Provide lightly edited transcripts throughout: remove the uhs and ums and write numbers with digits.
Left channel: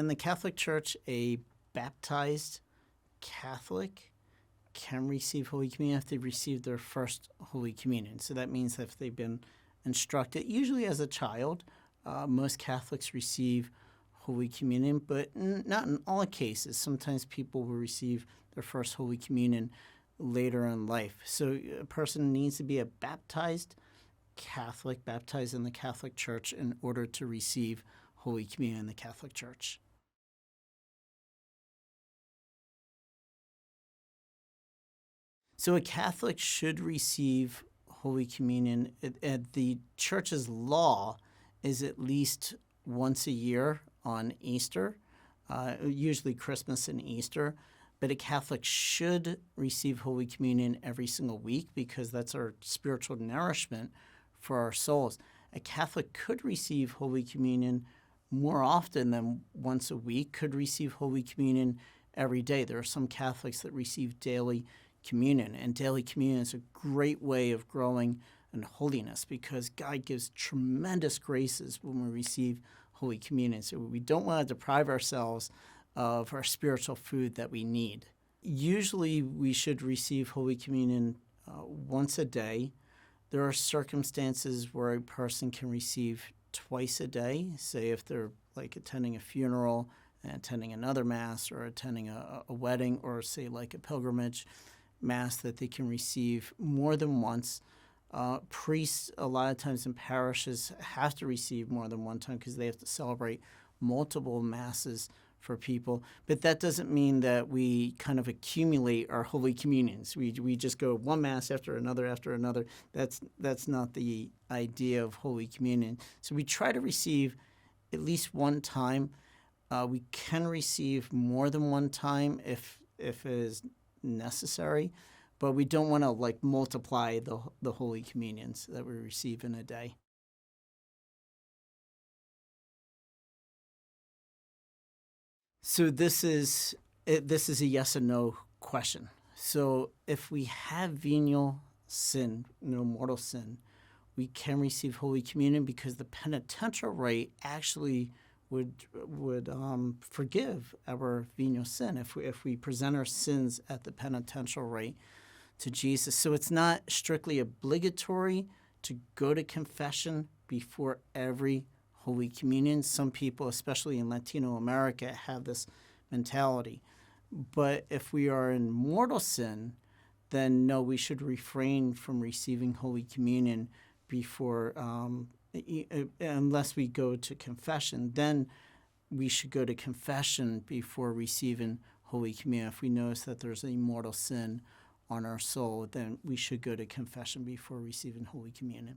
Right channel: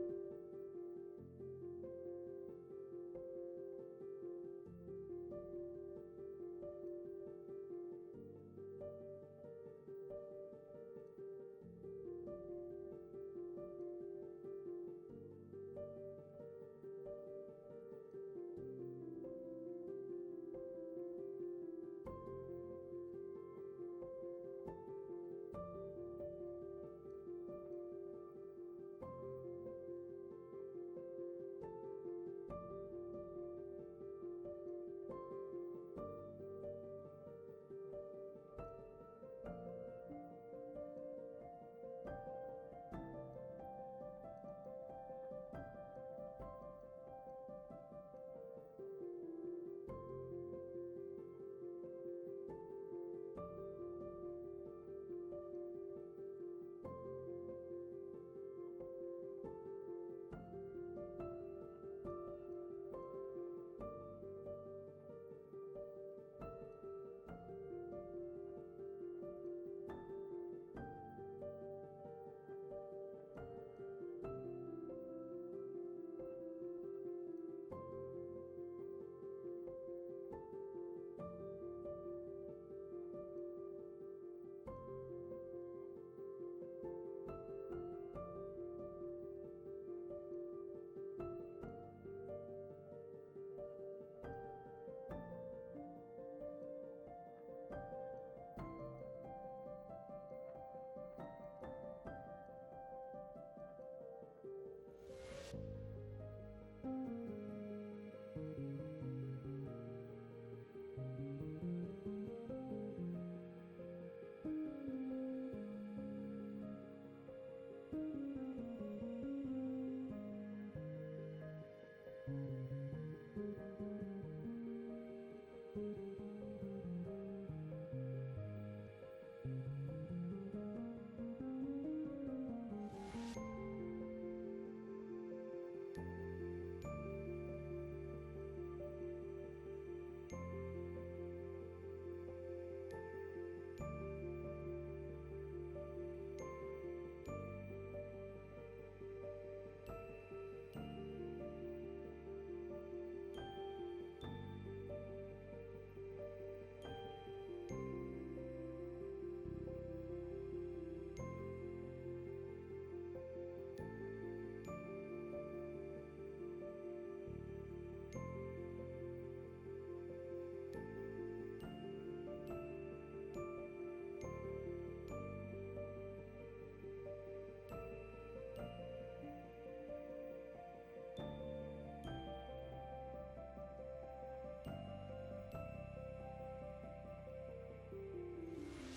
in the Catholic Church, a baptized Catholic can receive Holy Communion if they've received their first Holy Communion. So that means if they've been instructed, usually as a child, most Catholics receive Holy Communion, but not in all cases. Sometimes people will receive their first Holy Communion later in life. So a person needs to be a baptized Catholic, baptized in the Catholic Church in order to receive Holy Communion in the Catholic Church. So a Catholic should receive Holy Communion. The Church's law is at least once a year on Easter, usually Christmas and Easter. But a Catholic should receive Holy Communion every single week because that's our spiritual nourishment for our souls. A Catholic could receive Holy Communion more often than once a week, could receive Holy Communion every day. There are some Catholics that receive daily communion, and daily communion is a great way of growing in holiness because God gives tremendous graces when we receive Holy Communion. So we don't want to deprive ourselves of our spiritual food that we need. Usually we should receive Holy Communion once a day. There are circumstances where a person can receive twice a day, say if they're like attending a funeral and attending another Mass or attending a wedding or say like a pilgrimage Mass, that they can receive more than once. Priests, a lot of times in parishes, have to receive more than one time because they have to celebrate multiple Masses for people. But that doesn't mean that we kind of accumulate our Holy Communions. We just go one Mass after another. That's not the idea of Holy Communion. So we try to receive at least one time. We can receive more than one time if it is necessary, but we don't want to like multiply the Holy Communions that we receive in a day. So this is a yes and no question. So if we have venial sin, mortal sin, we can receive Holy Communion because the penitential rite actually would forgive our venial sin if we present our sins at the penitential rite to Jesus. So it's not strictly obligatory to go to confession before every Holy Communion. Some people, especially in Latino America, have this mentality. But if we are in mortal sin, then no, we should refrain from receiving Holy Communion before, unless we go to confession. Then we should go to confession before receiving Holy Communion. If we notice that there's a mortal sin on our soul, then we should go to confession before receiving Holy Communion.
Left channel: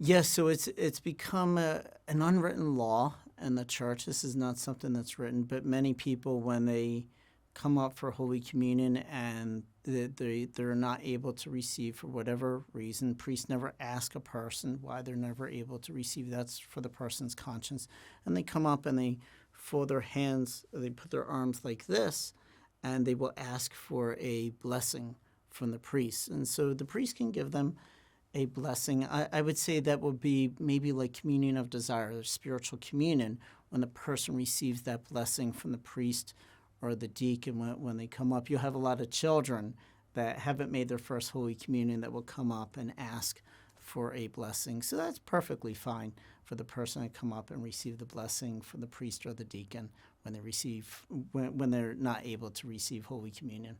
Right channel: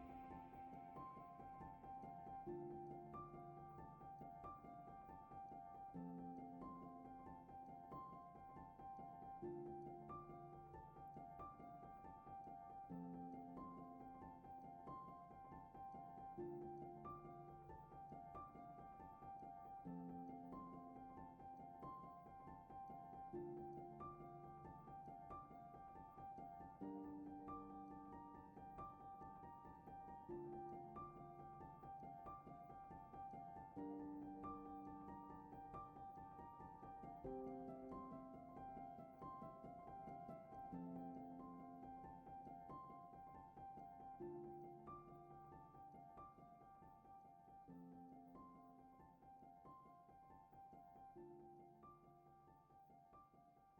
Yes, so it's become an unwritten law in the Church. This is not something that's written, but many people, when they come up for Holy Communion and they're not able to receive for whatever reason, priests never ask a person why they're never able to receive. That's for the person's conscience. And they come up and they fold their hands, they put their arms like this, and they will ask for a blessing from the priest. And so the priest can give them a blessing. I would say that would be maybe like communion of desire, or spiritual communion, when the person receives that blessing from the priest or the deacon when they come up. You'll have a lot of children that haven't made their first Holy Communion that will come up and ask for a blessing. So that's perfectly fine for the person to come up and receive the blessing from the priest or the deacon when they're not able to receive Holy Communion.